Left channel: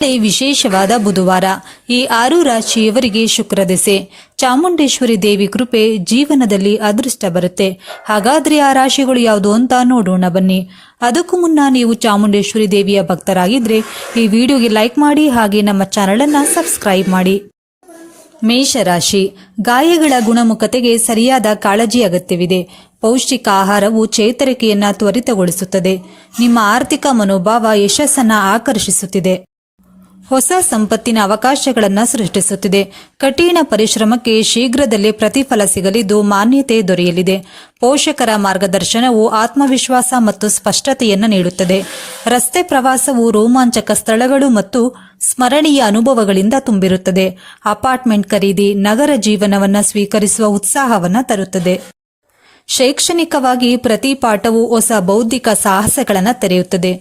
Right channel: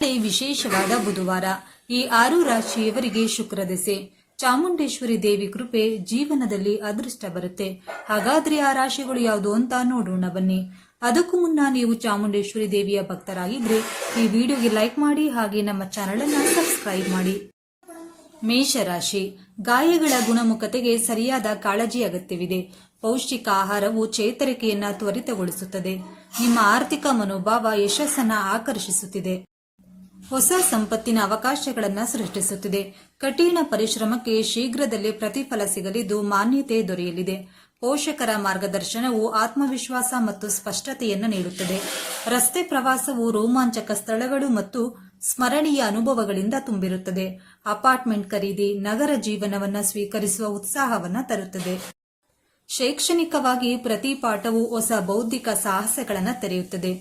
ವಿಶೇಷವಾದ ಬುಧವಾರ. ಈ 6 ರಾಶಿಯವರಿಗೆ ಶುಕ್ರ ದೆಸೆ. ಚಾಮುಂಡೇಶ್ವರಿ ದೇವಿ ಕೃಪೆ ಜೀವನದಲ್ಲಿ ಅದೃಷ್ಟ ಬರುತ್ತೆ. ಹಾಗಾದ್ರೆ ಆ ರಾಶಿಗಳು ಯಾವುದು ಅಂತ ನೋಡೋಣ ಬನ್ನಿ. ಅದಕ್ಕೂ ಮುನ್ನ ನೀವು ಚಾಮುಂಡೇಶ್ವರಿ ದೇವಿಯ ಭಕ್ತರಾಗಿದ್ರೆ ಈ ವಿಡಿಯೋಗೆ ಲೈಕ್ ಮಾಡಿ, ಹಾಗೆ ನಮ್ಮ ಚಾನಲ್ ಅನ್ನ ಸಬ್ಸ್ಕ್ರೈಬ್ ಮಾಡಿ. ಮೇಷರಾಶಿ. ಗಾಯಗಳ ಗುಣಮುಖತೆಗೆ ಸರಿಯಾದ ಕಾಳಜಿ ಅಗತ್ಯವಿದೆ. ಪೌಷ್ಟಿಕ ಆಹಾರವು ಚೇತರಿಕೆಯನ್ನ ತ್ವರಿತಗೊಳಿಸುತ್ತದೆ. ನಿಮ್ಮ ಆರ್ಥಿಕ ಮನೋಭಾವ ಯಶಸ್ಸನ್ನ ಆಕರ್ಷಿಸುತ್ತಿದೆ. ಹೊಸ ಸಂಪತ್ತಿನ ಅವಕಾಶಗಳನ್ನು ಸೃಷ್ಟಿಸುತ್ತಿದೆ. ಕಠಿಣ ಪರಿಶ್ರಮಕ್ಕೆ ಶೀಘ್ರದಲ್ಲೇ ಪ್ರತಿಫಲ ಸಿಗಲಿದ್ದು ಮಾನ್ಯತೆ ದೊರೆಯಲಿದೆ. ಪೋಷಕರ ಮಾರ್ಗದರ್ಶನವು ಆತ್ಮವಿಶ್ವಾಸ ಮತ್ತು ಸ್ಪಷ್ಟತೆಯನ್ನು ನೀಡುತ್ತದೆ. ರಸ್ತೆ ಪ್ರವಾಸವು ರೋಮಾಂಚಕ ಸ್ಥಳಗಳು ಮತ್ತು ಸ್ಮರಣೀಯ ಅನುಭವಗಳಿಂದ ತುಂಬಿರುತ್ತದೆ. ಅಪಾರ್ಟ್ಮೆಂಟ್ ಖರೀದಿ ನಗರ ಜೀವನವನ್ನು ಸ್ವೀಕರಿಸುವ ಉತ್ಸಾಹವನ್ನು ತರುತ್ತದೆ. ಶೈಕ್ಷಣಿಕವಾಗಿ ಪ್ರತಿ ಪಾಠವು ಹೊಸ ಬೌದ್ಧಿಕ ಸಾಹಸಗಳನ್ನು ತೆರೆಯುತ್ತದೆ.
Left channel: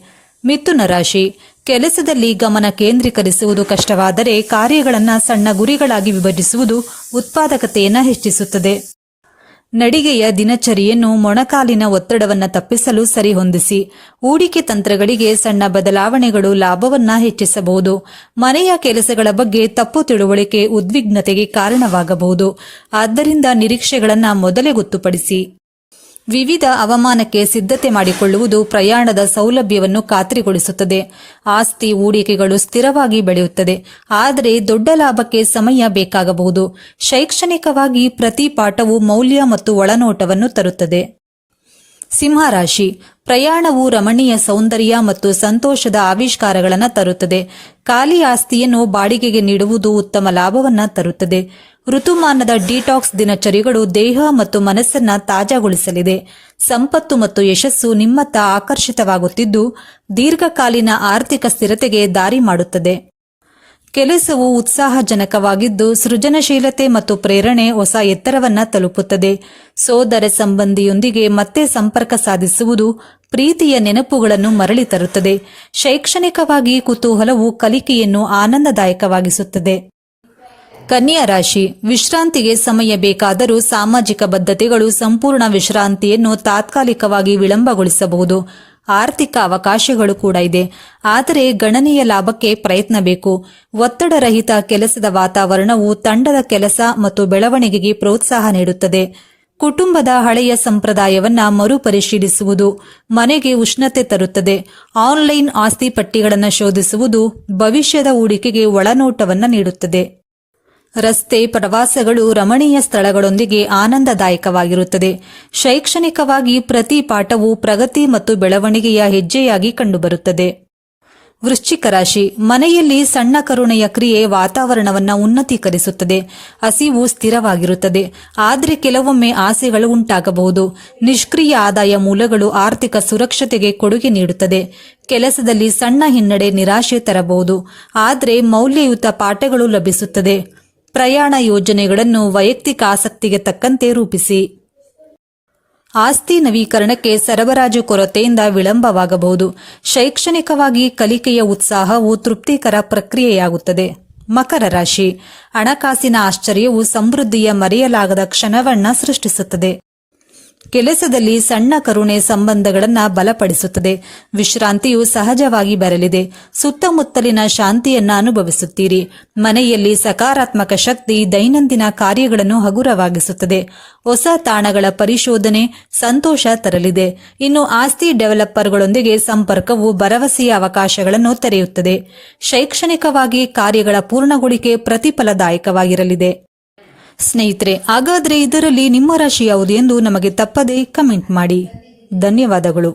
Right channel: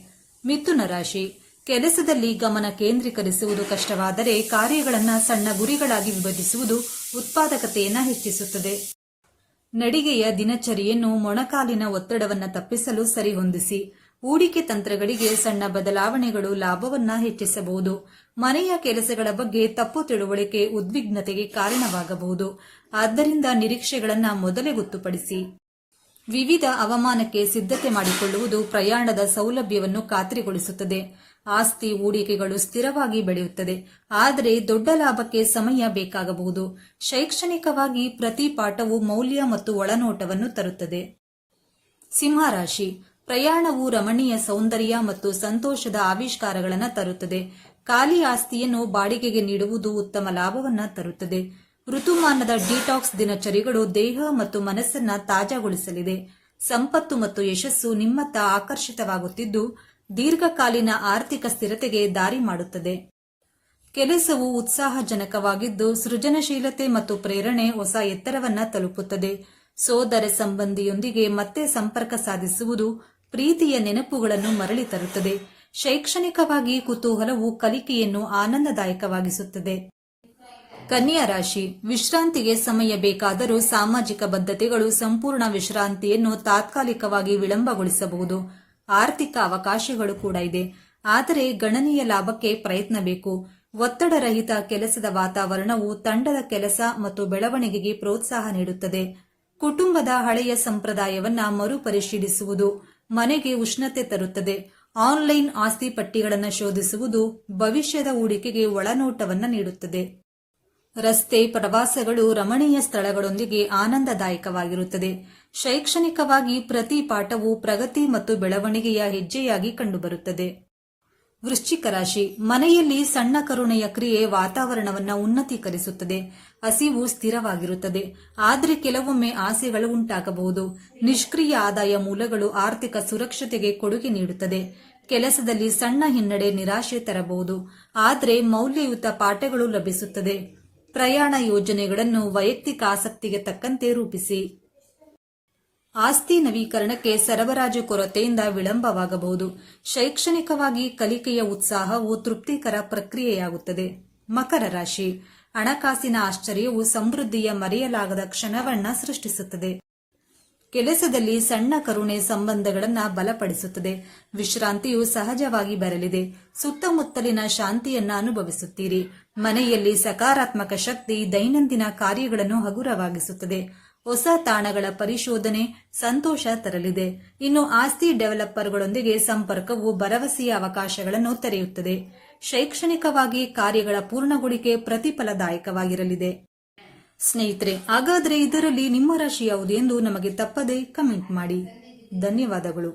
ಮಿಥುನ ರಾಶಿ. ಕೆಲಸದಲ್ಲಿ ಗಮನ ಕೇಂದ್ರೀಕರಿಸುವುದು ಕಷ್ಟವಾದರೆ ಕಾರ್ಯಗಳನ್ನು ಸಣ್ಣ ಗುರಿಗಳಾಗಿ ವಿಭಜಿಸುವುದು ಉತ್ಪಾದಕತೆಯನ್ನು ಹೆಚ್ಚಿಸುತ್ತದೆ. ನಡಿಗೆಯ ದಿನಚರಿಯನ್ನು ಮೊಣಕಾಲಿನ ಒತ್ತಡವನ್ನು ತಪ್ಪಿಸಲು ಸರಿಹೊಂದಿಸಿ. ಹೂಡಿಕೆ ತಂತ್ರಗಳಿಗೆ ಸಣ್ಣ ಬದಲಾವಣೆಗಳು ಲಾಭವನ್ನ ಹೆಚ್ಚಿಸಬಹುದು. ಮನೆಯ ಕೆಲಸಗಳ ಬಗ್ಗೆ ತಪ್ಪು ತಿಳುವಳಿಕೆ ಉದ್ವಿಗ್ನತೆಗೆ ಕಾರಣವಾಗಬಹುದು. ಆದ್ದರಿಂದ ನಿರೀಕ್ಷೆಗಳನ್ನು ಮೊದಲೇ ಗೊತ್ತುಪಡಿಸಿ. ವಿವಿಧ ಹವಾಮಾನಕ್ಕೆ ಸಿದ್ಧತೆ ಮಾಡಿಕೊಳ್ಳುವುದು ಪ್ರಯಾಣದ ಸೌಲಭ್ಯವನ್ನು ಖಾತ್ರಿಗೊಳಿಸುತ್ತದೆ. ಆಸ್ತಿ ಹೂಡಿಕೆಗಳು ಸ್ಥಿರವಾಗಿ ಬೆಳೆಯುತ್ತದೆ, ಆದರೆ ದೊಡ್ಡ ಲಾಭಕ್ಕೆ ಸಮಯ ಬೇಕಾಗಬಹುದು. ಶೈಕ್ಷಣಿಕವಾಗಿ ಪ್ರತಿ ಪಾಠವು ಮೌಲ್ಯ ಮತ್ತು ಒಳನೋಟವನ್ನು ತರುತ್ತದೆ. ಸಿಂಹರಾಶಿ. ಪ್ರಯಾಣವು ರಮಣೀಯ ಸೌಂದರ್ಯ ಮತ್ತು ಸಂತೋಷದ ಆವಿಷ್ಕಾರಗಳನ್ನು ತರುತ್ತದೆ. ಖಾಲಿ ಆಸ್ತಿಯನ್ನು ಬಾಡಿಗೆಗೆ ನೀಡುವುದು ಉತ್ತಮ ಲಾಭವನ್ನು ತರುತ್ತದೆ. ಋತುಮಾನದ ಡಿಟಾಕ್ಸ್ ದಿನಚರಿಗಳು ದೇಹ ಮತ್ತು ಮನಸ್ಸನ್ನ ತಾಜಾಗೊಳಿಸಲಿದೆ. ಸಂಪತ್ತು ಮತ್ತು ಯಶಸ್ಸು ನಿಮ್ಮತ್ತ ಆಕರ್ಷಿತವಾಗುತ್ತಿದ್ದು ದೀರ್ಘಕಾಲೀನ ಆರ್ಥಿಕ ಸ್ಥಿರತೆಗೆ ದಾರಿ ಮಾಡುತ್ತದೆ. ಕೆಲಸವು ಉತ್ಸಾಹಜನಕವಾಗಿದ್ದು ಸೃಜನಶೀಲತೆ ಮತ್ತು ಪ್ರೇರಣೆ ಹೊಸ ಎತ್ತರವನ್ನ ತಲುಪುತ್ತದೆ. ಸೋದರ ಸಂಬಂಧಿಯೊಂದಿಗೆ ಮತ್ತೆ ಸಂಪರ್ಕ ಸಾಧಿಸುವುದು ಪ್ರೀತಿಯ ನೆನಪುಗಳನ್ನು ಮರಳಿ ತರುತ್ತದೆ. ಶೈಕ್ಷಣಿಕವಾಗಿ ಕುತೂಹಲವು ಕಲಿಕೆಯನ್ನು ಆನಂದದಾಯಕವಾಗಿಸುತ್ತದೆ. ಕನ್ಯಾ ರಾಶಿ. ವಿಶ್ರಾಂತಿಗೆ ಸಮಯ ಬೇಕಾದರೂ ಸಾಮಾಜಿಕ ಬದ್ಧತೆಗಳು ಸಂಪೂರ್ಣ ವಿಶ್ರಾಂತಿಯನ್ನು ತಾತ್ಕಾಲಿಕವಾಗಿ ವಿಳಂಬಗೊಳಿಸಬಹುದು. ಆರ್ಥಿಕ ಅವಕಾಶಗಳು ಕೂಡ ಇದೆ, ಆದರೆ ಗಣನೀಯ ಲಾಭಕ್ಕೆ ಪ್ರಯತ್ನ ಬೇಕು. ಒತ್ತಡರಹಿತ ಕೆಲಸದ ವಾತಾವರಣವು ತಂಡದ ಕೆಲಸ ಮತ್ತು ಬೆಳವಣಿಗೆಗೆ ಪ್ರೋತ್ಸಾಹ ನೀಡುತ್ತದೆ. ಕುಟುಂಬದ ಹಳೆಯ ಸಂಪ್ರದಾಯವನ್ನ ಮರುಪರಿಶೀಲಿಸುವುದು ಮನೆಗೆ ಉಷ್ಣತೆ ತರುತ್ತದೆ. ಆನ್ಲೈನ್ ಆಸ್ತಿ ಪಟ್ಟಿಗಳನ್ನು ಶೋಧಿಸುವುದು ಭವಿಷ್ಯದ ಹೂಡಿಕೆಗೆ ಒಳನೋಟವನ್ನು ನೀಡುತ್ತದೆ. ರಸ್ತೆ ಪ್ರವಾಸಗಳು ರಮಣೀಯ ಸ್ಥಳಗಳೊಂದಿಗೆ ಆನಂದದಾಯಕವಾಗಿರುತ್ತದೆ. ಶೈಕ್ಷಣಿಕವಾಗಿ ಪ್ರತಿ ಪಾಠವು ಪ್ರಗತಿ ಮತ್ತು ಬೆಳವಣಿಗೆಯ ಹೆಜ್ಜೆಯಾಗಿ ಕಂಡುಬರುತ್ತದೆ. ವೃಶ್ಚಿಕ ರಾಶಿ. ಮನೆಯಲ್ಲಿ ಸಣ್ಣ ಕರುಣೆಯ ಕ್ರಿಯೆ ವಾತಾವರಣವನ್ನು ಉನ್ನತೀಕರಿಸುತ್ತದೆ. ಹಸಿವು ಸ್ಥಿರವಾಗಿರುತ್ತದೆ, ಆದರೆ ಕೆಲವೊಮ್ಮೆ ಆಸೆಗಳು ಉಂಟಾಗಬಹುದು. ನಿಷ್ಕ್ರಿಯ ಆದಾಯ ಮೂಲಗಳು ಆರ್ಥಿಕ ಸುರಕ್ಷತೆಗೆ ಕೊಡುಗೆ ನೀಡುತ್ತದೆ. ಕೆಲಸದಲ್ಲಿ ಸಣ್ಣ ಹಿನ್ನಡೆ ನಿರಾಶೆ ತರಬಹುದು, ಆದರೆ ಮೌಲ್ಯಯುತ ಪಾಠಗಳು ಲಭಿಸುತ್ತದೆ. ಪ್ರಯಾಣ ಯೋಜನೆಗಳನ್ನು ವೈಯಕ್ತಿಕ ಆಸಕ್ತಿಗೆ ತಕ್ಕಂತೆ ರೂಪಿಸಿ. ಆಸ್ತಿ ನವೀಕರಣಕ್ಕೆ ಸರಬರಾಜು ಕೊರತೆಯಿಂದ ವಿಳಂಬವಾಗಬಹುದು. ಶೈಕ್ಷಣಿಕವಾಗಿ ಕಲಿಕೆಯ ಉತ್ಸಾಹವು ತೃಪ್ತಿಕರ ಪ್ರಕ್ರಿಯೆಯಾಗುತ್ತದೆ. ಮಕರ ರಾಶಿ. ಹಣಕಾಸಿನ ಆಶ್ಚರ್ಯವು ಸಮೃದ್ಧಿಯ ಮರೆಯಲಾಗದ ಕ್ಷಣವನ್ನ ಸೃಷ್ಟಿಸುತ್ತದೆ. ಕೆಲಸದಲ್ಲಿ ಸಣ್ಣ ಕರುಣೆ ಸಂಬಂಧಗಳನ್ನು ಬಲಪಡಿಸುತ್ತದೆ. ವಿಶ್ರಾಂತಿಯು ಸಹಜವಾಗಿ ಬರಲಿದೆ. ಸುತ್ತಮುತ್ತಲಿನ ಶಾಂತಿಯನ್ನು ಅನುಭವಿಸುತ್ತೀರಿ. ಮನೆಯಲ್ಲಿ ಸಕಾರಾತ್ಮಕ ಶಕ್ತಿ ದೈನಂದಿನ ಕಾರ್ಯಗಳನ್ನು ಹಗುರವಾಗಿಸುತ್ತದೆ. ಹೊಸ ತಾಣಗಳ ಪರಿಶೋಧನೆ ಸಂತೋಷ ತರಲಿದೆ. ಇನ್ನು ಆಸ್ತಿ ಡೆವಲಪರ್ಗಳೊಂದಿಗೆ ಸಂಪರ್ಕವು ಭರವಸೆಯ ಅವಕಾಶಗಳನ್ನು ತೆರೆಯುತ್ತದೆ. ಶೈಕ್ಷಣಿಕವಾಗಿ ಕಾರ್ಯಗಳ ಪೂರ್ಣಗೊಳಿಕೆ ಪ್ರತಿಫಲದಾಯಕವಾಗಿರಲಿದೆ. ಸ್ನೇಹಿತರೆ, ಹಾಗಾದರೆ ಇದರಲ್ಲಿ ನಿಮ್ಮ ರಾಶಿ ಯಾವುದು ಎಂದು ನಮಗೆ ತಪ್ಪದೇ ಕಮೆಂಟ್ ಮಾಡಿ. ಧನ್ಯವಾದಗಳು.